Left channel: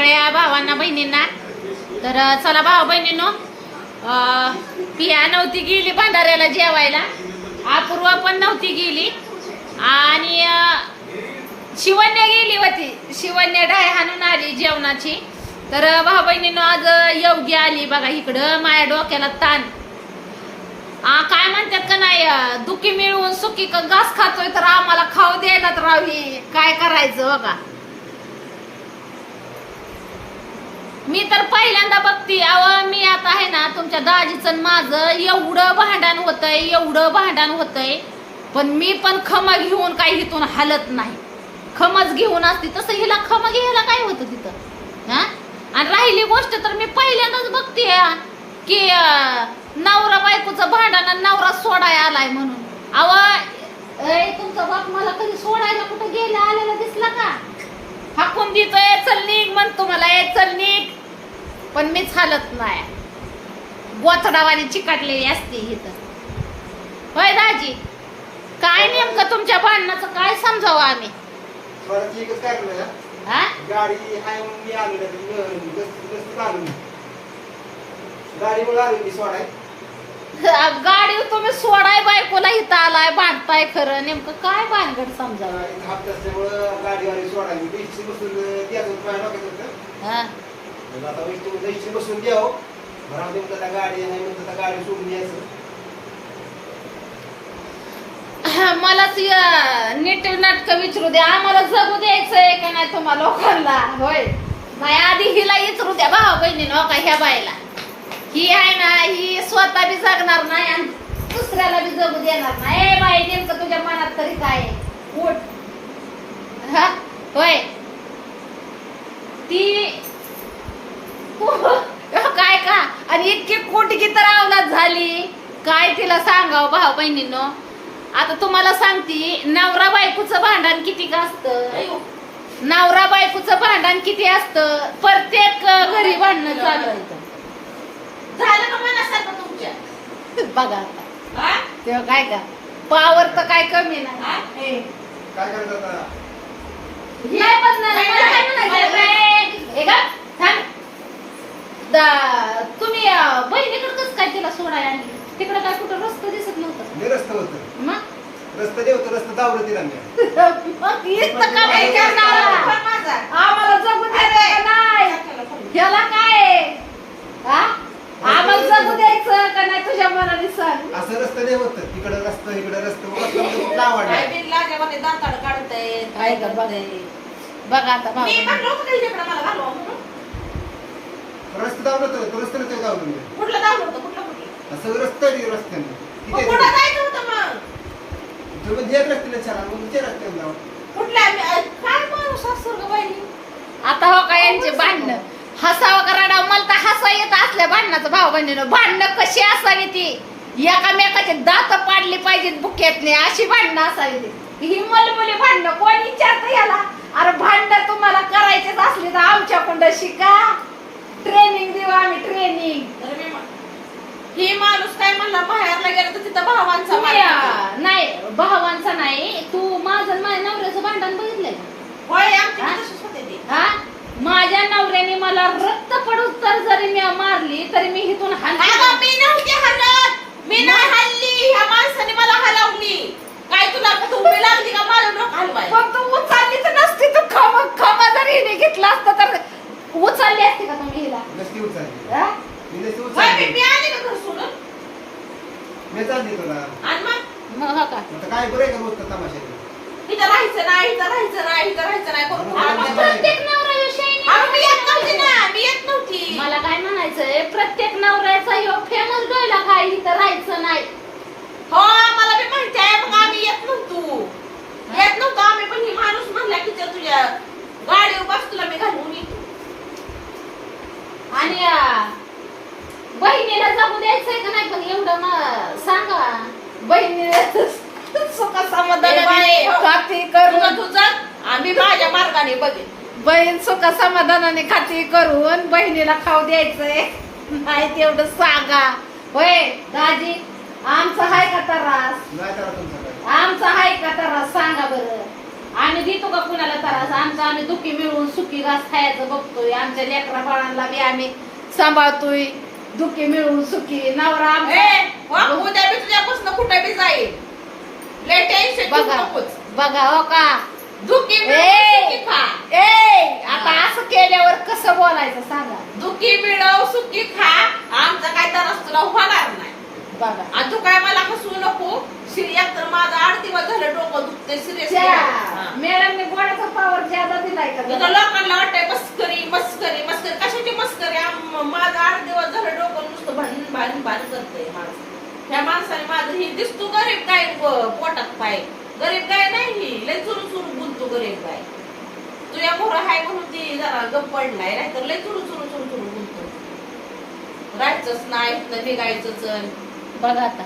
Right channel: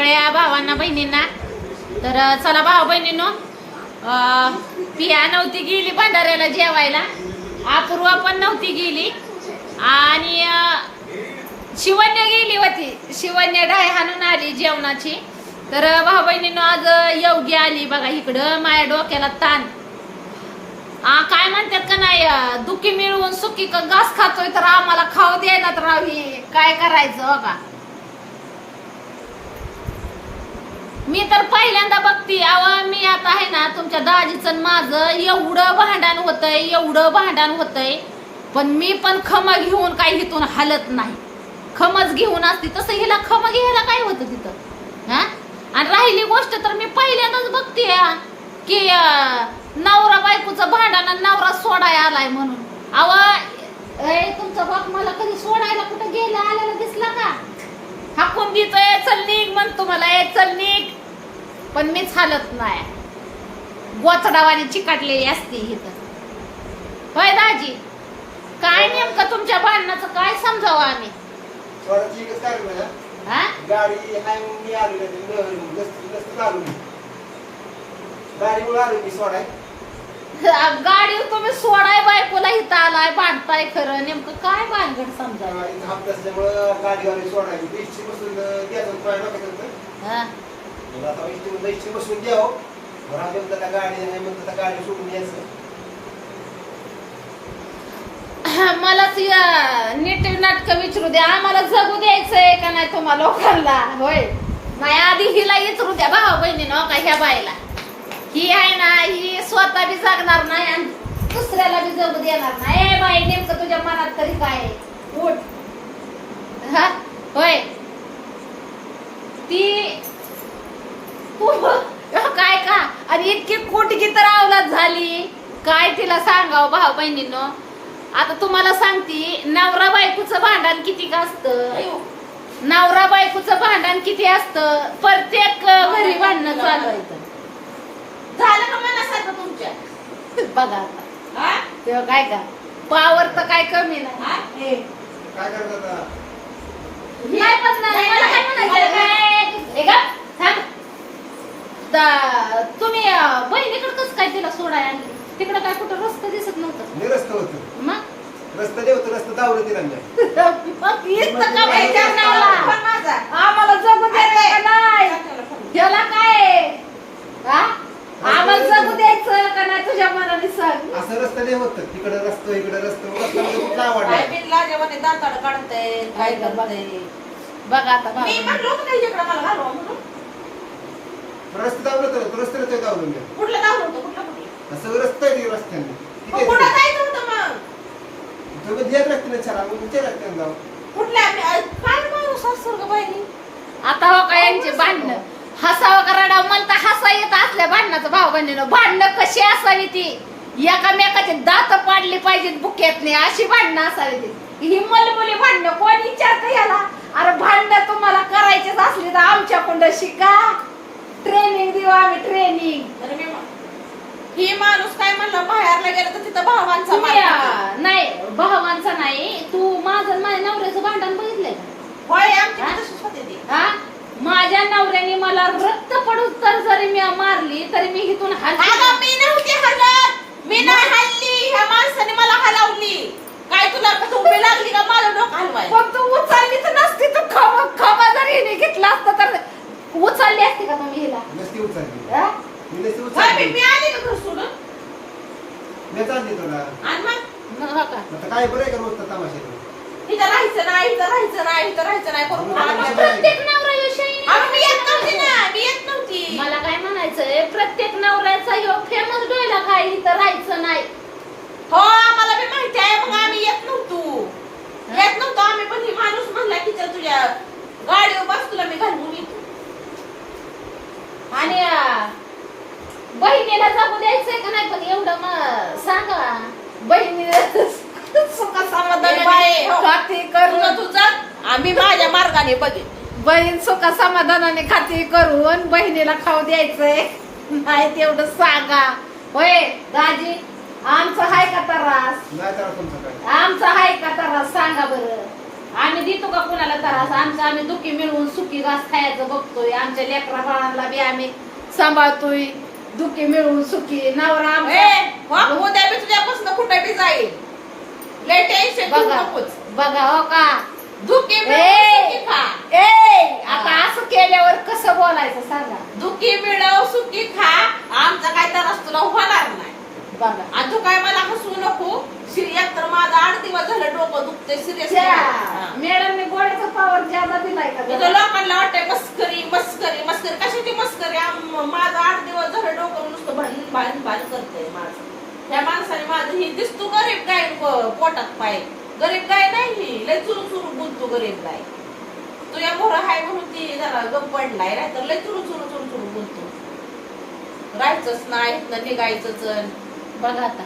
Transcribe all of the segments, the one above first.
सगळ्या भावांना बहिणींना. तर चला भाऊ बहिणींनो पिया नव्हती गेली भंडाऱ्याला जेवायला. अपूर्वा पण नव्हती गेली. आणि शिवन्या गेली होती. शिवन्या डाय हाणून आली जेवणाची. तर भाऊ बहिणींनो आज योग्य योगी आली बघा इकडं माझ्या डोक्याला ताण. आ, काय म्हणतात का नाही दुखी मिळवून सुखी क- घास खातोय तर आम्हाला खाऊ द्यायला तर रावी काय करायचं बघा. मी तर पहिल्यांदा बघती अव मी आता आहे ना तुमच्या दाजीचं माझं एवढं भांडण होतंय एवढं भांडण होतंय पण मी पण खम घेऊन काही इथून हलत नाही. खमच घेऊन असती तसं हिला खम घ्यायला काय होतं तिथं? हा? आणि राहिली गोष्ट तर मी पहिल्यांदाच बघते की नवरा बायकोचं भांडण नवरा सोडाय आलाय म्हणून. अव ए तुमचा बाप मला कधी सोडायला कुठं गेला आलेला दिसला का? हाकून देतोय चल निघ म्हणतो मला ए चल निघ. पण मीच हालत नाही. गोचडावाने चिकाटलेली असते इथं होय दाजी? काय नेमकं तुमच्या भांडणाचं काय समजावं आम्ही? थोडं ठीकच काय ना हा? गाडी हाय म्हणून मी आलो का नसतं आलो मी. गाडीमुळे आलो मी सोडाय. गाडी तुम्ही सोडाय बायकोला इथं आलाय भांडताय खरं. नेमकं काय भानगड समजावं? गाडी हाफ असल्यामुळं गाडीवाली सोडाय मी इच्छी बसून द्यायचं रुपया डोक्यात होतं. हा? मग आता इच्छी म्हणलं इच्छी बसून द्यावं बरं आधी म्हणलं आता गाडी नाही म्हणलं त्या गाडी सोडून यायचं. मलाच या नीट नाटक विचारू द्या. आम्हाला जगू द्यायचंय का नाही तुम्हा लोकांना? होय. नाही आधी हिला विचारू द्या भाऊ बहिणीनं हो का ह्या बायला ही आहे ना ही स्वतः बी जगणार नाही आणि दुसऱ्याला बी जगू देणार नाही. ए बाई नेमकं तुझ्या मनात तरी काय उठ. हा होय. ती काय का? आणि इतकी कुटकी तर अवलाद झाली. काय तिला सांगावं भाऊ बहिणीनं? आता तुम्हाला सांगते नवरा बायकोचं भांडण किती का असतं? नवरा बायकोचं भांडण किती असतं? प्रत्येक घरी भांडणं चालू आहे इथं. झालं का मनासारखं तुमच्या? बघा आता. हा? तेव्हा काय का? पावर तर काय कमी नाही. काय करत आता? नाही तुम्ही बहिणीकडे कसं काय तिला सोडाय आणली? तिकडे काय कुठं रस्ता दिसत नव्हतं? मी रस्ता होतो. मग? रस्ता जे होतं रस्ता दावलं तिला मी. मग करणारा? आम्हाला जगू द्यायचं का नाही? त्याला काय? हा आम्हाला जगू द्यायचं का नाही तुझ्या मनाने सांग? असं रस्ता नाही होतं. तिकडं रस्ता इकडं रस्ता. रस्ता म्हणजे कुठला आवडला. काय बघा बघा आता बघा. मला घालवा म्हणून? रस्ता दावलं तर रस्त्याला ते दावलं मी कुठलं दावलं होतं? कुठलं कुठलं? असं रस्ता आहे रस्त्याने. मग ठीक कुठं आहे जायचं होतं मग? तुम्ही जे रस्त्याने चला मग ते रस्त्याने जाऊ कुठल्या? मी- अ, काय माणूस असतो ग बाई? आता हो का यांचे भांडणं? हसावं का रडावं मला तर हसा येत असल्या भांडणाचं भाऊ बहिणीनं. भांडणं कशी असावी ती? एकामेकाचे दात पाडली पाहिजेत बुक्यातने अशी भांडणं असावी ती. ही मलमुली भांडणं कोण विचारतं याला? अरे भांडणं तुम्हाला करायचेच असली तर आमच्याकडं शिका. ट्रेनिंग देऊ आम्ही ट्रेनिंग तर मी म्हण- ही माणूस काय म्हणला बाहेरला गेला तर तिथं भावांचा मार खातो. नाही भावांचा नाही तू माझं आणि माझ्या नवऱ्याचं भांडण बघितलंय का? होय, आमची हा? तशीच होते ती. हा? माझ्या नवऱ्याने मला रक्त पडून तर जरी मी मारली तरी मी इथून हलते मी नव्हती हलत. मी नाही हलली. ह्या माणसाने मला हलवली. काय तुला तुम्ही लागली का? माझं डोकं हलवाय. फक्त उचलली तर नसती तर खम खमा जरी हिने घेतला असतं तर उचलली असती का तुम्ही हिला नसती उचलली. हा? मी नसती काय मी- मी उचलली आली का घर सोडून. मी चालली तुला आणि मग? मग हो का? आता काय बरं आहे का रोजचं तमाशा? इथं राहायचं नाही इथं राहायचं नाही इथं राहायचं नाही. करून हा, मला- मग प्रत्येक नवरा ह्यो शाईनी अगं, मी येत नव्हती ना मी येत नव्हती. मला काय म्हणायचंय? प्रत्येक नवऱ्याचा ह्यो फेमस डोयला काय? इथं राहायचं नाही. हो आम्हाला बी माहिती आहे मग आम्ही येत नव्हतो. येत नव्हतो आम्ही पण ही माणूस म्हणला की चल तुझ्या गाडीवर बस तुला मी घालून येतो. आणि बहिणीला जगू द्यायचंय का नाही पण एवढं मग सांगा. बहिणीला हो. तुझं आम्ही माझ्या मार्गाने बदे बहीण सुख समाधानाने खाती करून बहिणीला खाऊ द्यायचंय. नाही तेवढं सांगा. होय दाजी आमचं हाय का त्रास? नाही तर तुमचं काय? आमचं हाय का त्रास? सांगा बरं. आम्ही देतो का कुणाला त्रास? आमचं आम्ही दुखी मिळवून सुखी घास खायचं बघतोय. आमच्या लेकरा बाळांना बी आम्ही सांभाळतोय. दुखी मिळवून सुखी. नवरा उद्या तुझ्यापासून कुठे जाईल. बघा हो का? दुखी आता असं केल्यावर कसं बोलायचं सांगा. दुखी मिळव सुखी खा. आमचा काय तर तुला होणार नाही. आणि तू काय मला हसू नको? सिरियस तर माझं आठ दिवस झालं डोकं दुखते सिरियस मॅडमने गोड्याचा पावर जादा दिलाय का तुझं? लोकांना वाटतंय मस्करी मस्करी मस्करी. कशाची मस्करी? माझं आठ दिवस झालं डोकं नुसतं भांडण भांडण भांडण करतंय माझं. त्या माणसाने माझं ही दिसतो गरीब गाय पोटात पाय. गरीब गाय नाही लय चुरू चुरू बोलतो गरीब गाय. तुझ्या मोहर हाय म्हणून ती जरा गप पडलाय नाही तर लय चुरू चुरू चुरू चुरू बोलतो. राहायचंच नाही निघायचंच. बघा आता.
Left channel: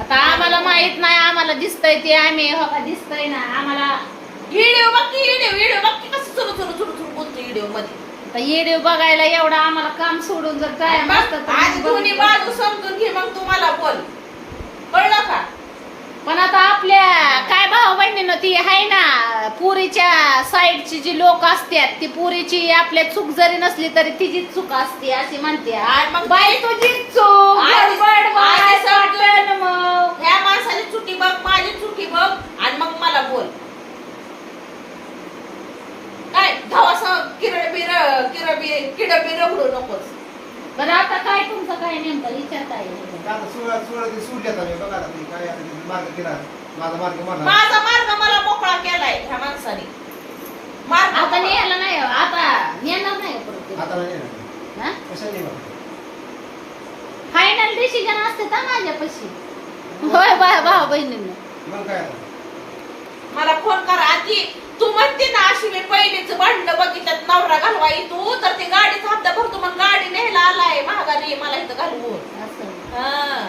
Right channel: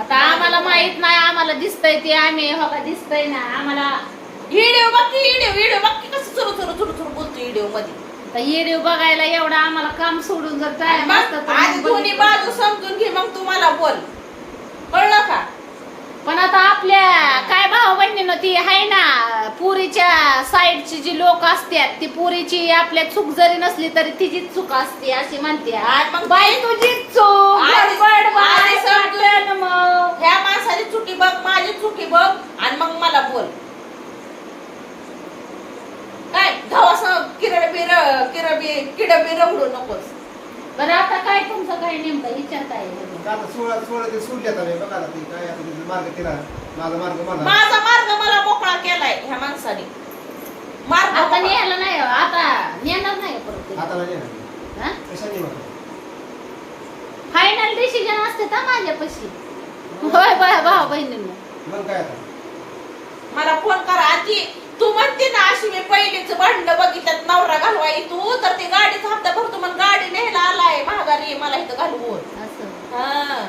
आता आम्हाला माहीत नाही आम्हाला दिसतंय ते आम्ही हो का? दिसतंय ना. आम्हाला व्हिडिओ बघ की व्हिडिओ व्हिडिओ बघ की कसं चुरू चुरू चुरू चुरू बोलतो व्हिडिओमध्ये. आता येडीव बघायला एवढं आम्हाला काम सोडून जर टाइम असतं तर आज मग दोन्ही बघितलं. बाजू. समजून घे मग तुम्हाला बोल. कळलं का? पण आता आपल्या काय भाऊ बहिणीनं ती आहे ना पुरीच्या साईडची जी लोक असतात ती पुरीची आपल्या चूक जरी नसली तरी तिचीच चूक असते अशी म्हणते बाई ते- तुझीच चूक गडबड बाय वाटण मग ह्या माणसाची चुकी बघ माझी चुकी बघ आणि मग मला बोल काय धावास किरड बिर किरड बी किड बी रगडू नकोस बरं आता काय तुमचं काय नेमकं? विचारताय. आता सोळा सोळा ते सुटले आता बघा ते काय आता ते मार्ग केला. माझा मार्ग माझा माझा मार्ग मला मोकळा केलाय ह्या माणसाने. मार्ग आता न्यायला नाही हो, आता नेणार नाही परत ते. आता नाही ना. हा? कशाने वाटत फायनल डिसिजन असते का माझ्यापाशी होय बाय भाऊ बहिणींना. मग काय आता? मला फोन करा आजी. तू म्हणते ना अशी मी पहिलीच भांडण बघितलं नवरा घालवाई तू तर ते गाडीचा हप्ता भरतो मग गाडी न्यायला आलाय महागारी मला इथं घालवून हा.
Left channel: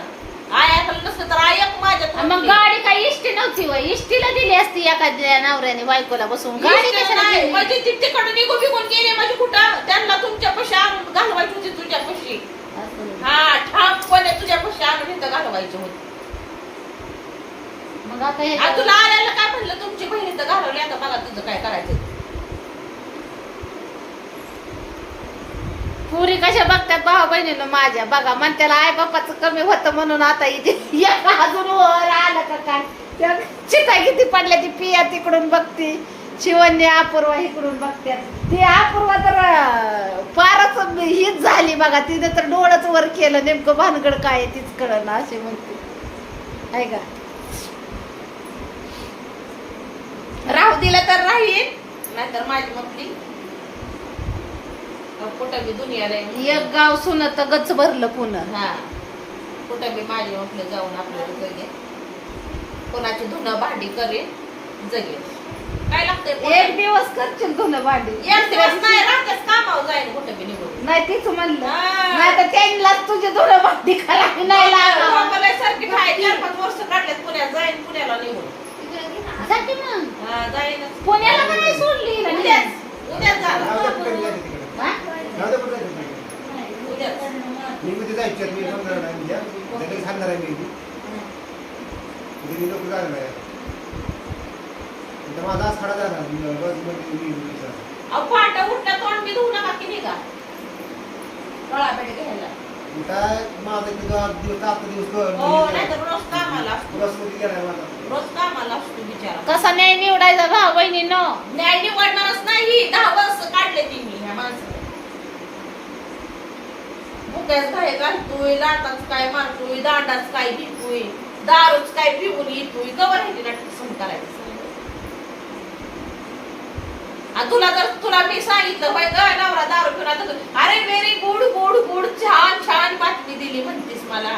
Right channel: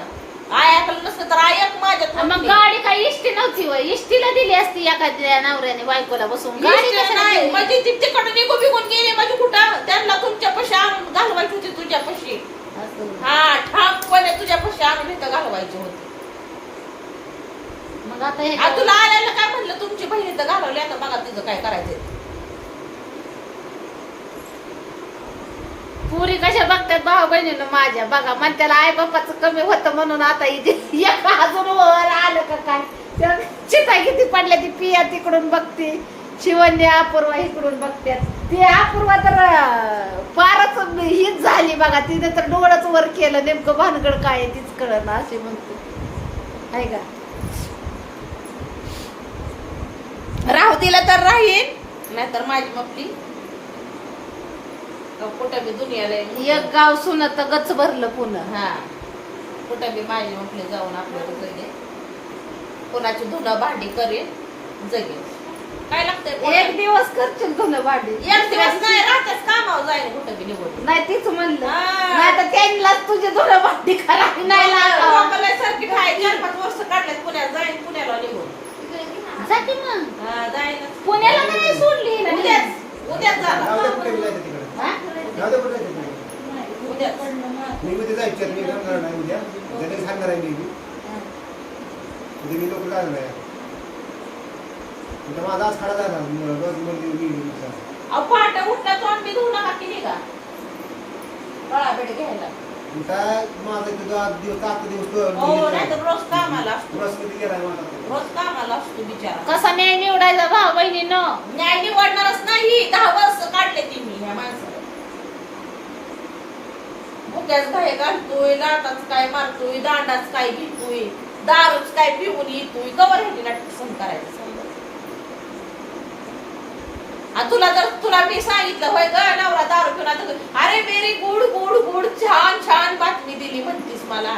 तर माझ्या मग गाडी काही इष्टी नव्हती वय. इष्टीला दिली असती एखाद्या नवऱ्याने बायकोला बसून. गाडी कशाला नाही, दिली? माझी ती तिकडून निघून बिघून गेले माझी कुठं? त्यांना तुमच्या पशी आणून घालवायची होती तुझ्या पशी. असं. हा ठामपणे तुझ्या पशी आणून इथं घालवायची होती. मग आता आ, हे तुला आल्याला काय म्हणलं? तुमची बहीण इथं घालवली आता. मला तुझं काय करायचं? पुरी कशा बघतात भाऊ बहिणीनं माझ्या? बघा मन त्याला आई बापाचं कमी होतं म्हणून आता इथे एक अजून वर आलं का काय? चिता किती पडल्या ती पिया तिकडून बघते. शिवन्य अपूर्वा इकडून बघतात ती अपूर्वा तर अं, फारच हीच झाली बघा. तिने तर डोळच वर केलं. नेमकं भानगड काय आहे तीच कळलं ना अशी म्हणते. आहे का राहू दिलं तर राहील. नाहीतर माझी मपली. कुठं एक गाव सुनत गच भरलं पुन्हा हा. कुठं बी माझी मपली जाऊन आपल्याला जगे कोणाची धुणं भांडी करे जगे काय लागतंय एक? दिवस करशील धुणं भांडी. एक दिवस नाही राहतेच कामावर जाईल कुठं बी निघून. नाही तीच म्हणलं. नाही तर त्यांनाच तुझे धुणं भांडी करावी नाही. आम्हाला सारखी काढलेत पुण्यात जाईल पुण्याला निघून. जा की मग. हा पुण्याला नाही सोडली. हिला मी. उद्याच उद्याच जाऊ झालं दे कुठे गेलं तिकडे? हा? जाऊ दे कुठे जायचं उद्याच. मी उद्या जायचं मी समजणार नाही उद्या. उद्या तरी सांगणार आहे मी. बी. उद्या मी लोक जाणार आहे. आता माझा आज खडा झाला. बसमध्ये मी मी- अहो पहाटे उठल्या तोंड बी धुवू नका की निघा. पळा बेड घ्यायला काय माझा इथं जो आठ दिवस आठ दिवस तो- हो नाहीतर रोज कामाला. बसमध्ये गेलाय माझा. रोज कामाला असतो बिचारा? कसा नाही निवडायचा भाऊ बहिणीनं न्याय निवडणारच नाही. दहा वर्ष काढले ती मी ह्या माणसाला. मुक्याच काय घालतोय लाटाच काय मारतोय दांडाच काय भितोय दारूच काय पिऊन येतोय. कवर ह्याची नाटक सहन करायचं. सांगा. आणि तुला तर तुला मी सांगितलं होय ग नवरा दारू पिऊन आता अरे मेरी गुड गुड गुड छान छान बातमी दिली म्हणतीस मला.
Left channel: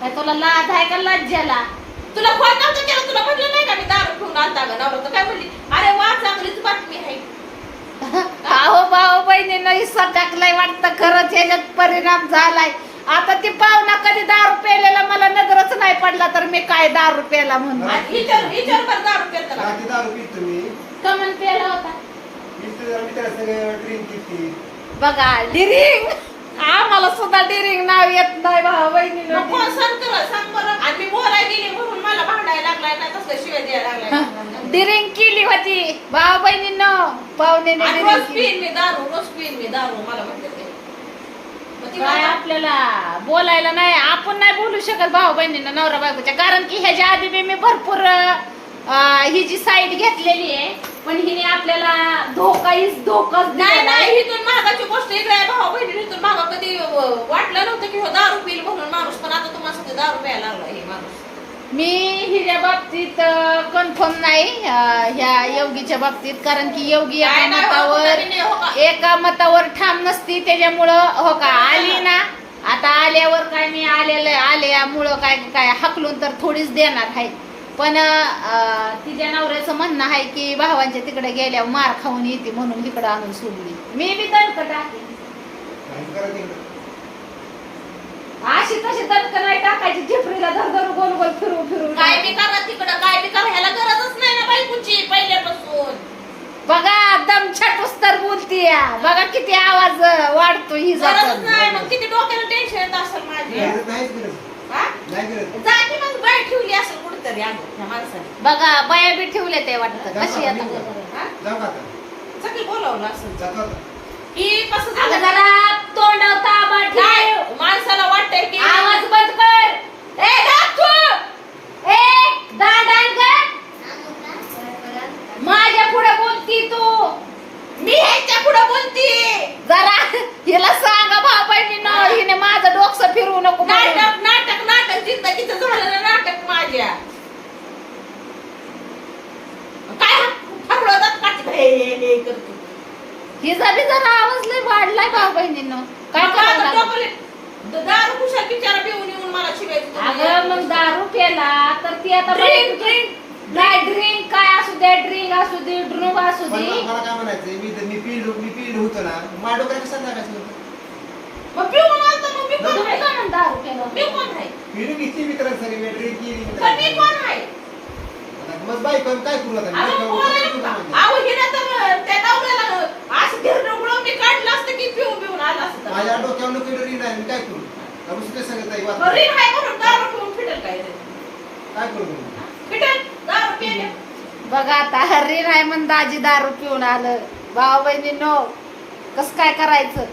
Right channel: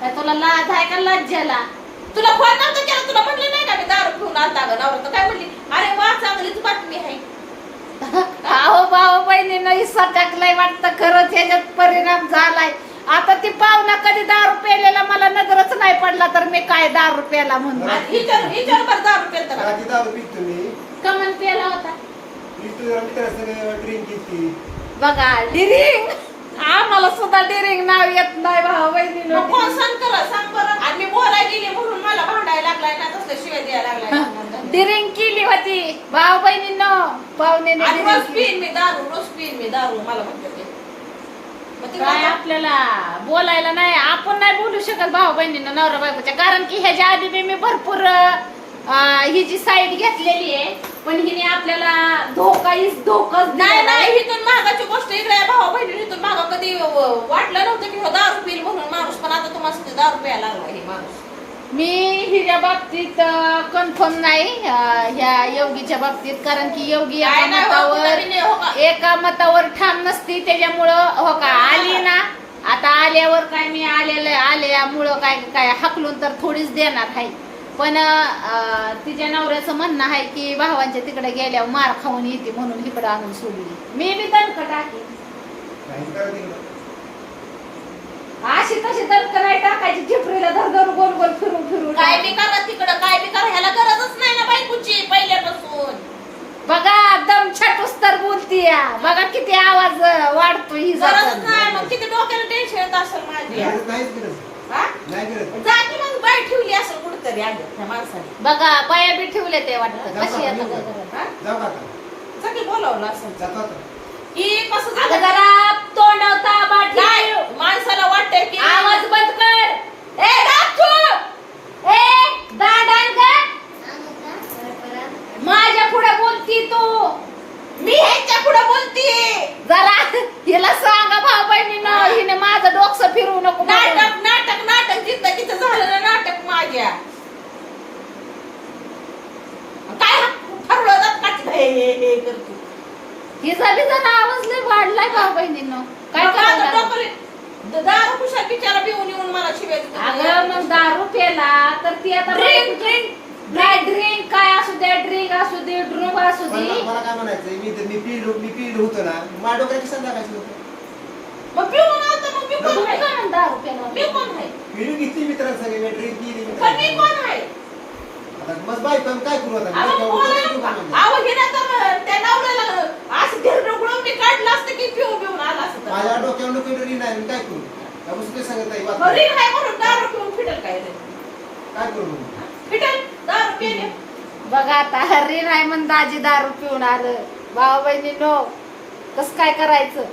काय तुला लाज आहे का लज्जाला? तुला फोन नव्हता केला तुला म्हटलं नाही का मी दारू पिऊन आता ग नवरा तर काय म्हणली? अरे वा चांगलीच बातमी आहे. अहो भाऊ बहिणीनं हिस्सा टाकलाय वाटतं खरंच ह्याच्यात परिणाम झालाय. आता ती पाहुणा कधी दारू प्यायलेला मला नजरच नाही पडला तर मी काय दारू प्याला म्हणून आणि हिच्यावर हिच्यावर बरं दारू पितं का? रात्री दारू पितो मी. कमन प्याला होता. पितो जरा मित्राला सगळं ड्रिंक घेतली बघा डिरिंग आम्हाला सुद्धा डिरिंग नाव येत नाही भाऊ मग कोण बहिणीनं सण कर सांग बरं आणि मी बोलायला गेले म्हणून मला भांडायला लागलाय ना तसलं शिव्या द्यायला लागल्या? डिरिंग केली होती. भाऊ बहिणींनो पाहुण्याने आणि रोज. पिईन मी दारू रोज पिईन मी दारू मला ते. मग ती काय आपल्याला बोलायला नाही आपण नाही बोलू शकत भाऊ बहिणींना नवरा बायकोच्या. कारण की ह्याच्या आधी बी मी भरपूर अं, ही जी साईड घेतलेली आहे पण हिने आपल्याला धोका इस धोकाच नाही. नाही इथून गोष्ट इकडे आहे, भावा बहिणी इथून मागा कधी वाटलं नव्हतं की हो दारू पिल म्हणून माणूस पण आता तुम्हाला सांगते दारू प्यायला लागला हे माणूस मी हिच्या बाबतीत कन्फर्म नाही अं, ह्या योगीच्या बाबतीत कारण की योगी एका काय नाही हो, मतावर हो का? एका मतावर ठाम नसती त्याच्यामुळं हो का आली ना आता आल्यावर काय मी आलेलं आल्यामुळं काय काय हकलून तर थोडीच देणार आहे पण तिच्या नवऱ्याचं म्हणणं आहे की भावांच्या तिकडे गेल्यावर मार खाऊन येते म्हणून तिकडे आणून सोडली. मी बी करा तिकडं. अशी तशी दणक नाही टाकायची. झिपरीला धर धर गोल गोल फिरू फिरू. काय बी करा तिकडं काय बी करा ह्याला गरजच नाही ना बायकोची पहिल्यापासून. बघा दम छटूस तर बोलती बघा किती आवाज वाढतो ही गरजच नाही मग किती डोक्याला टेन्शन येत असेल माझी गरज गरज. हा? नाही गरज. जाती मग बाय ठेवली असेल कुठतरी आलं त्या माणसाने बघा बाया बी ठेवले ते वाटतं कशी? आता बघा. का? हा? जाऊ का आता? सगळी बोलावलं असेल जातो आता. ही कसं अगं झालं? जरा काय माणसाला वाटतंय की आवाज बंद कर ए दाखू ए दांडान कर माझ्या पुढे बोलती तू मी ह्याच्या पुढे बोलते जरा हिला सांगा भाऊ बहिणीनं हिने माझं डोकं फिरवू नको म्हणून. नाटक नाटक नाटक जिंदगीचं झालेलं नाटक माझ्या काय ठरलं जात का ते हे, हे, हे करतो हिचा बी जरा आवाज लय वाढलाय भाऊ बहिणीनं काय मग आता करायला डोकं- दारू कुशा बिचारा पिऊन येऊन मला शिवायचं अगं मग दारू पेला तर ती आता Drink, बायको- नाही ड्रिंक काय असू दे ड्रिंक असू दे ड्रुंक असू पण दे. मला काय म्हणायचंय मी मी पिलो मी पिलो होतो ना माझ्या डोक्यात कशाला लागायचं होतं मग पिऊन आलतो मग मी कोण तुम्ही आहे? का म्हणता दारू पेला मी कोण आहे? पिलो किती मित्रांसंग मी ड्रिंक केली पण मी मित्रांसंग. कोण आहे? आता मग बायको काय करू आता? मी अहो, डोक्यावर डोक्यावर आहे? घेऊन काय अहो, हिनं तर त्या नवऱ्याला असं गिरणं गुळवणी काढलं असतं की पिऊन पिऊन आलं असतं. माझ्या डोक्यावर नको मी काय करू? दुसरे सांगत आहे काय करू? मग? फिटेल दारू पिले बघा आता हर्री नाही म्हण दाजी दारू पिऊन आलं. भाऊ बहिणी नो. कस काय करायचं?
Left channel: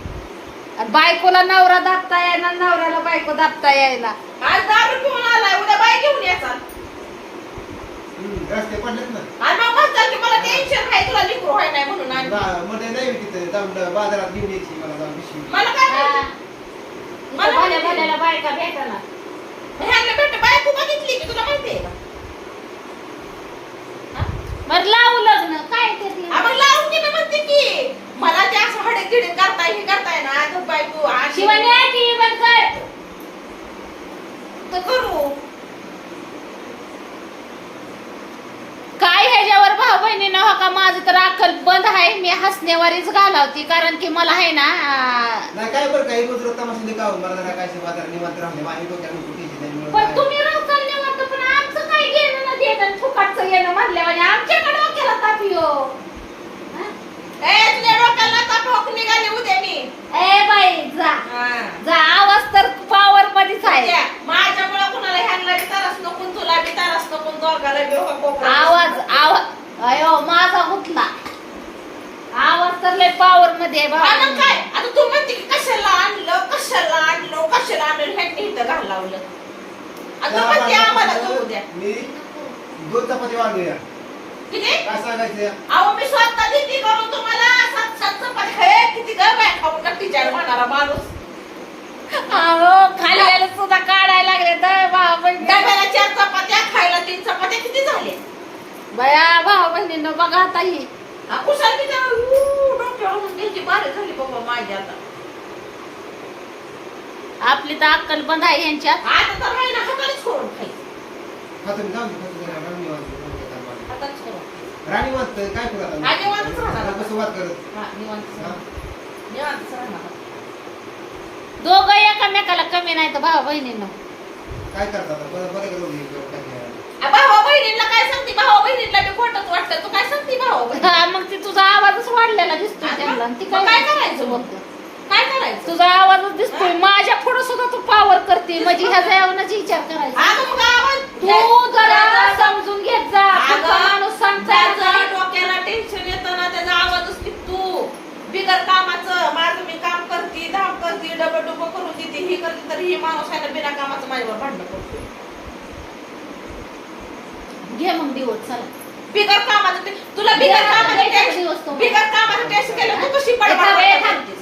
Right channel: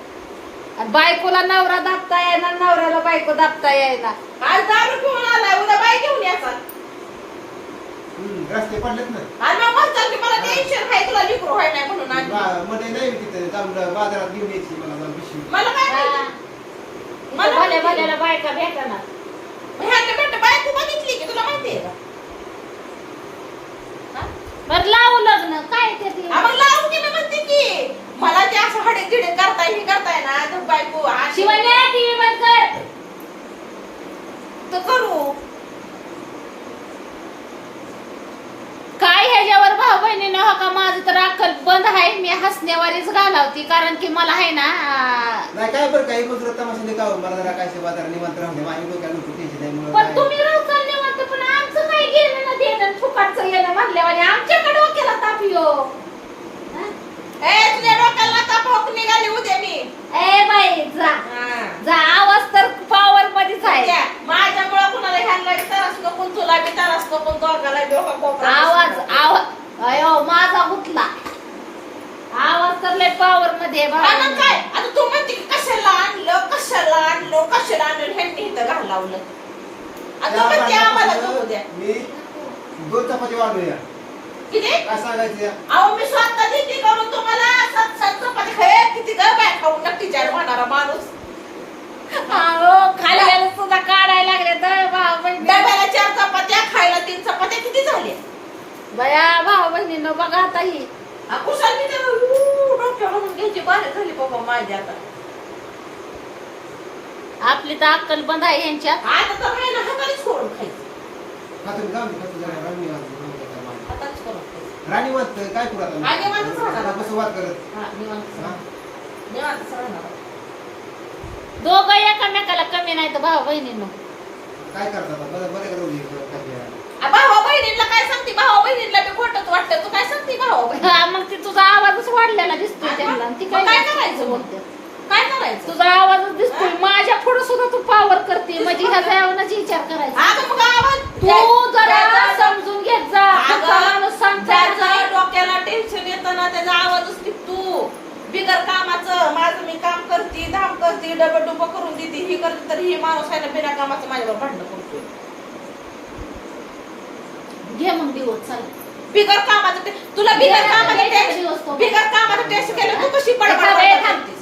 आणि बायकोला नवरा दाबता येईना नवऱ्याला बायको दाबता येईना. आज दारू पिऊन आलाय उद्या बाई घेऊन याचा हम्म, रस्ते पडलेत ना. आणि मग म्हणतात की मला टेन्शन आहे तुला लिकरू आहे नाही म्हणून आणि बा- मध्ये नाही तिथे जाऊन बाजारात घेऊन यायची मला जाऊन पिशवी. मला काय हा. माहिती? इथं भल्या भल्याला बायका भेटणार. ह्याने भेट बाई तू बघितली की तुला माहिती आहे का? बर लावू लग्न. काय ते ते? आम्हाला लावून म्हणते की. मला ते असं हडे तिडे करताय हे करताय ना तर बायको अशी- शिवाय नाही ती बंद कर. तर करू. काय ह्याच्यावर भाऊ बहिणीनं? हो का माझं तर अक्कल बंद आहे. मी हसण्यावरच घालावती. कारण की मला आहे ना नाही काय बरं काही तमाशा देखावं. मला जरा काय बाजार निवांत राहून दे माझ्या डोक्याला नको टेन्शन आहे म्हणून पण तुम्ही रोज चालले वाटतं पण आमचं ना देणं फुकटचं येणं म्हणल्यावर आमच्याकडे डोक्याला ताप येऊ ए तुझ्या डोक्याला तापक निघाली उद्या मी? ए बाई जा. हा. जा आवाज तर पॉवर मध्येच आहे. माझ्यामुळे कुणाला ह्यांना त्रास नको तुला बी त्रास नको दोघाला बी हो आवाज आवाज अयो माझा गुतला आवाज तर लय पॉवर मध्ये. काय? आता तू म्हणते की कशाला आणलं कशाला आणलं कशाला आणलं ह्यांनी इथं घाल लावलं आता त्या म्हणते आम्हाला जाऊ द्या. दोन चपाती वाढूया किती? काय सांगायचं? अहो मी स्वतः देते करून तुम्हाला सात सात चपाती हे किती गं बाय खाऊन नक्कीच्या होणारा माणूस. अहो सुद्धा काढायला लागले तर भाऊ बहिणी डब्याला चार चपात्या खायला तीन चपात्या किती झाले? बया भाऊ बहिणीनं बघा आता ही. कुशाल किती घ्यायची बारी झाली बाबा माझी आता. आपली तर अक्कल बंद आहे यांच्या आता तर राहिला हातानेच करून खायचं. जाऊन दे, खातो जरा राणी वाजते, जाऊन दे जरा मला. हातानेच करून खायचं. राणी वाजतं, काय करू कसं वाद करत हा, निवांत हा? सर. निवांत सर ना. दोघं एकामेकाला कमी नाही तर भाऊ बहिणीनं काय करतात आता? बरं बरं करू दे, काय ते. आ, भावा बहिणीला काय सांगते भावा बहिणीला बी खोटंच वाटतं तू काय सांगते भावा हा, मग ती तुझा आवाजच वाढलेला दिसतो त्यांना आणि ती मग काय काय करायचं मग? काय करायचं? तुझा आवाजच दिसतोय. माझ्या पुढे सुद्धा तू पावर करते. म्हणजे ह्याचा येऊनच विचार करायचा. अगं मग आवाज? तू जरा समजून घेत जा. पुढचा माणूस सांगताय. त्याचा डोक्याला टेन्शन येतं ना त्याचा आवाजच तू. बिगर कामाचं माझं मी काम करते धाम करते डबल डुबं करून देते. ही करते तर ही माणूस आहे ना बिना कामाचं माझ्यावर भांडण करते घे मग दिवस चला. बिगर कामाचं ते- तुला बिगर बिगर- कामाचं बिगर टेस्ट- दिवस तो. बिगर कामाचं टेस्ट केलं तू कशी पडपड करतेस?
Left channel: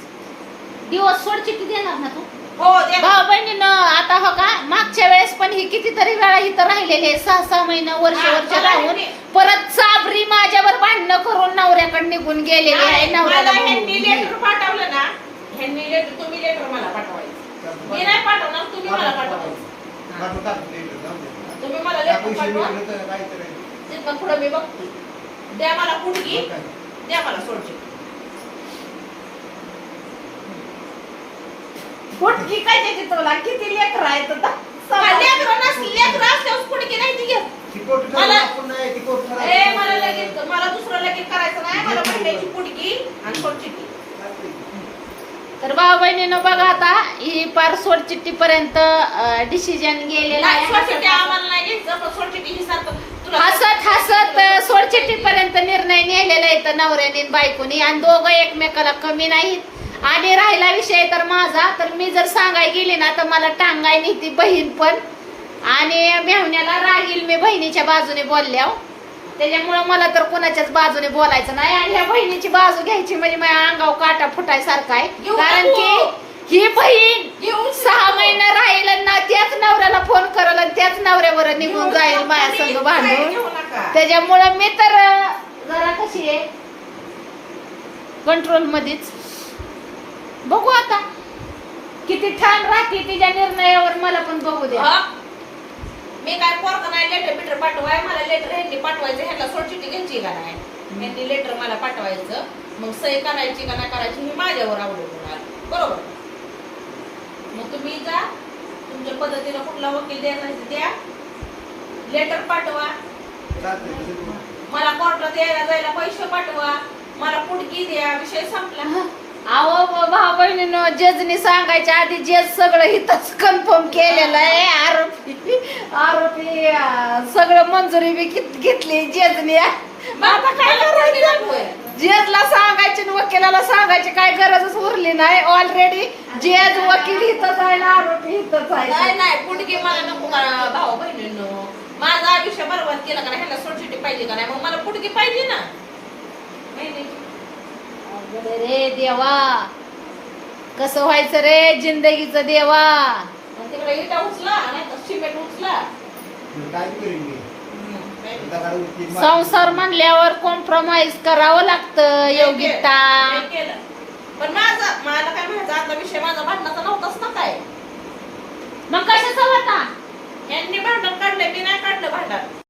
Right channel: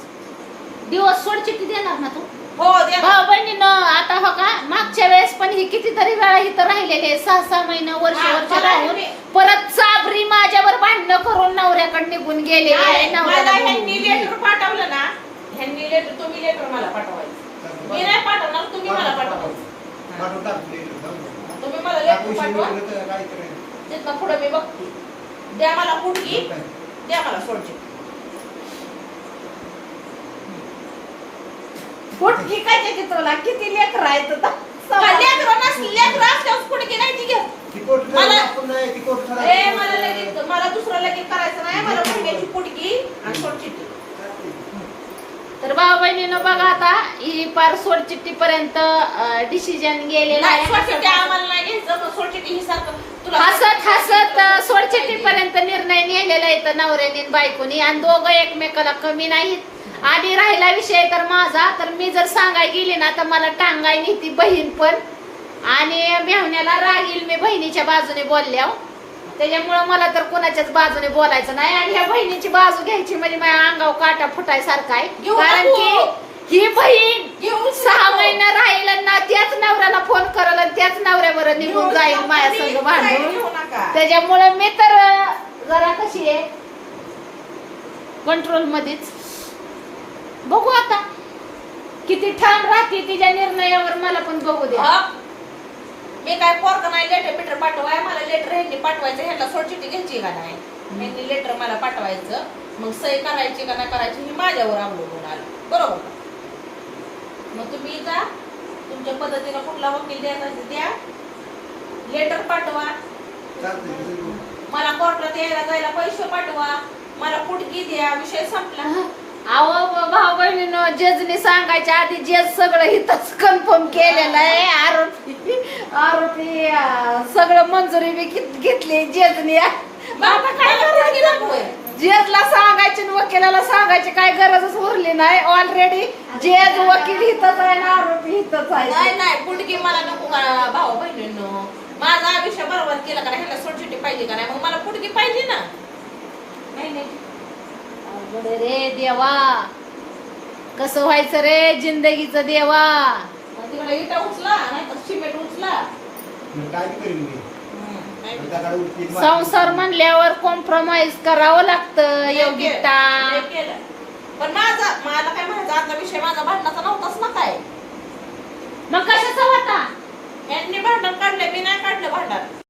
दिवस सोड चिठ्ठी देणार ना तू? हो दे भाऊ बहिणीनं आता हो का? मागच्या वेळेस पण ही कितीतरी वेळा इथं राहिलेले आहे. सहा सहा महिना वर्ष हा, वर्ष मला राहून परत साबरी माझ्यावर भांडणं करून नवऱ्याकडे निघून गेलेले आहे नाही, मला नवऱ्याला ह्यांनी बोलवून. लेटर पाठवलं ना. ह्यांनी लेटर तुम्ही लेटर मला पाठवायचं. मी नाही पाठवणार तुम्ही मला पाठवायचं. तुम्ही मला लेटर पाठवा. गेलं तिथं पुढं मी बघते. द्या मला काय? द्या मला सोडची. पोटकी काय त्याची तुला किती लेकर आहेत आता? लेकरं नसली लेकरं असल्यावर कुठगी नाही ती घ्या ती कोट खराब मला- आपण नाही, ती कोट खराब. ए मला लगेच मला दुसरं लगेच करायचं नाही मला भांड्याची पुटकी आणि सोडची तर भाऊ बहिणीनं बघा आता ही पार सोड चिठ्ठी पर्यंत डिसिजन गेलेलं नाही आहे. आम्हाला नाही घ्यायचं पण सोडची ही सारखं तुला हसत हसत सोड चिठ्ठी पर्यंत निर्णय नेलेला आहे तर नवऱ्याने आणि बायकोनी. आणि दोघं एकमेकाला कमी नाहीत. आणि राहिला विषय तर माझा. तर मी जर सांगाय गेली ना तर मला टांगाय नाही ती बहीण पण. आणि मेहण्याला राहील मी बहिणीच्या बाजूने बोलल्यावर त्याच्यामुळं मला तर कोणाच्याच बाजूने बोलायचं नाही. आणि ह्या बहिणीची बाजू घ्यायची म्हणजे माझ्या अंगावर काटा फुटायसारखा आहे. कारण. की ही बहीण सहा महिना राहील ना त्याच नवऱ्याला फोन करल आणि त्याच नवऱ्यावर निघून जाईल माझ्या भांडून. घेऊ नका. त्याच्यामुळं मी तर जरा कशी आहे कंट्रोल मध्येच. बघू आता. किती छान राहते तिच्या निर्णयावर मला पण बघू द्या. हा? मी काय पोरक नाही लेटर बिटर पाठवाय मला लेटर ह्यांनी पाठवायचं ह्यांना सोडचिठी घ्यायची का नाही? ह्यांनी लेटर मला पाठवायचं. मग सही करायची का नाही करायची हे माझ्यावर अवलंबून आलं बरोबर? मग तुम्ही जा तुमच्या पद्धतीनं कुठला वकील द्यायचा द्या. लेटर पाठवा. चालतंय, तसं करू. मला कोर्टात यायला जायला पैसे पाठवा. मला पुटकी द्या विषय संपला. अहो भाऊ बहिणीनं जजनी सांगायच्या आधी जज सगळं इथंच कन्फर्म केलेलं आहे. आरोपी आरोपी अं, सगळं मंजुरी बी घेत- घेतली जजनी. आता काय करायचं. जजला सांगायची आणि वकिलाला सांगायची काय गरजच उरली नाही. ऑलरेडी जज वकील इथंच आहे ना आरोपी नाही आहे. नाही पुटकी मला नको करा भाऊ बहिणींनो. माझं आयुष्य बरोबर केलं का नाही? ह्यांना सोडचिठी पाहिजे का नाही? मग मला पुटकी पाहिजे ना. नाही नाही. घडे रे देवा. कस व्हायचं रे जिंदगीच देवा? संसार म्हणल्यावर कॉम्प्रोमाइज करावं लागतं योग्यता पण माझं मला काय म्हणायचं आता विषय माझा भांडणाचा नव्हताच ना काय? मग कशाचा होता? यांनी भांडण काढलं मी नाही काढलं भांडण.